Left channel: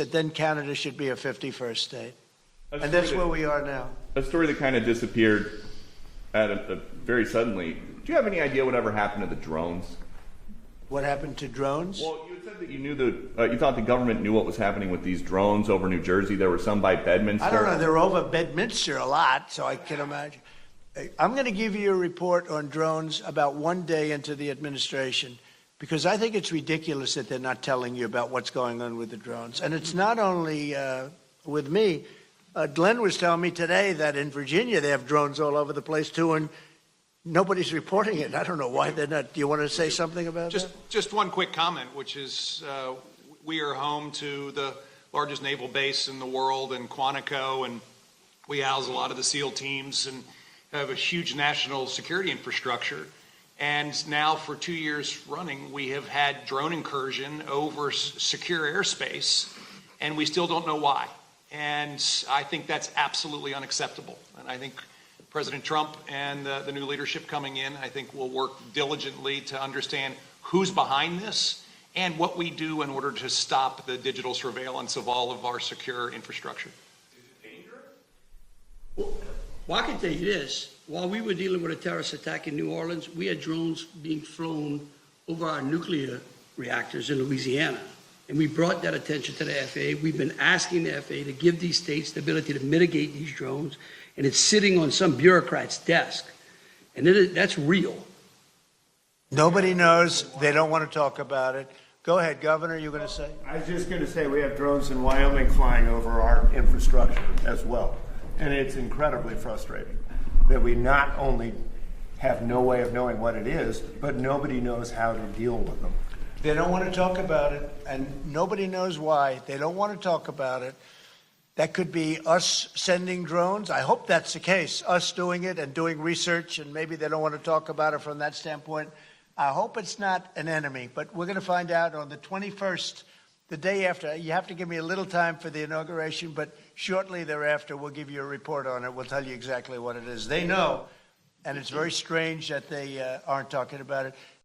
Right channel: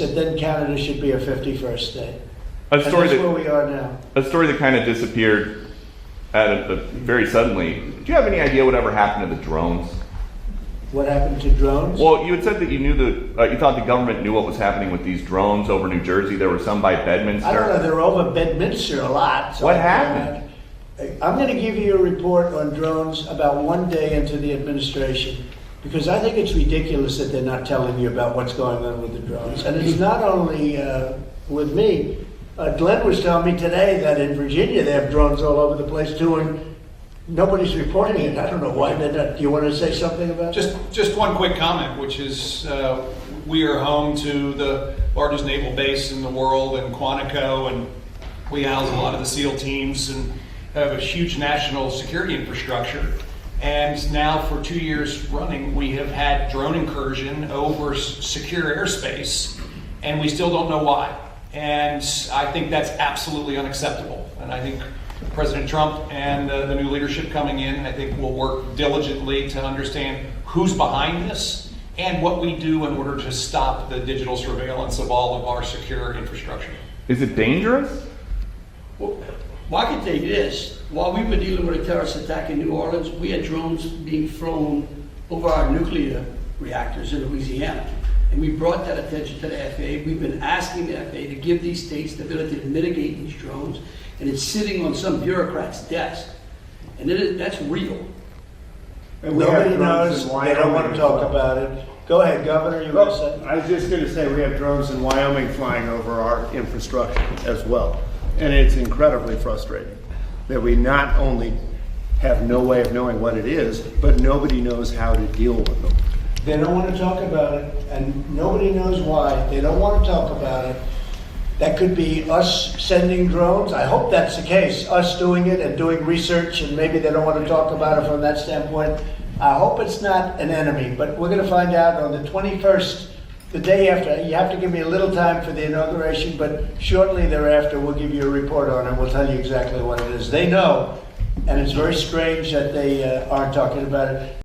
us that then Canada should be a 51st state. A And story that's where that we are now. a story that kind of disappeared very suddenly. Do you have any idea whatever happened to the drones? What happened to drones? Well, you had said that you knew you thought the government knew what was happening with these drones over New Jersey. There were some by Bedminster. I don't know. They're over Bedminster a lot. So What happened? I'm going to give you a report on drones about one day into the administration, because I think it's ridiculous that they're not telling you about what's going on with the drones. And it's not only with me. Glenn was telling me today that in Virginia they have drones all over the place too, and nobody's reporting it. I don't know why they're not. Do you want to say something about that? Just one quick comment, which is we are home to the largest naval base in the world in Quantico, and we house a lot of the SEAL teams and have a huge national security infrastructure. And now for 2 years running, we have had drone incursion over secure airspace, and we still don't know why. And I think that's absolutely unacceptable. And I think President Trump and the new leadership coming in, I think will work diligently to understand who's behind this and what we do in order to stop the digital surveillance of all of our secure infrastructure. Is it dangerous? Well, I can tell you this. While we were dealing with a terrorist attack in New Orleans, we had drones being flown over our nuclear reactors in Louisiana. And we brought that attention to the FAA. We've been asking the FAA to give these states the ability to mitigate these drones, and it's sitting on some bureaucrat's desk. And that's real. Nobody knows. They don't want to talk about it. Go ahead, Governor. You were going to say? I was just going to say we have drones in Wyoming flying over our infrastructure as well. And it's incredibly frustrating that we not only have no way of knowing what it is, but nobody knows how to deal with them. They don't want to talk about it, and nobody knows why. They don't want to talk about it. That could be us sending drones. I hope that's the case, us doing it and doing research, and maybe they don't want to talk about it from that standpoint. I hope it's not an enemy, but we're going to find out on the 21st, the day after. You have to give me a little time for the inauguration, but shortly thereafter we'll give you a report on it. We'll tell you exactly what it is. They know, and it's very strange that they aren't talking about it.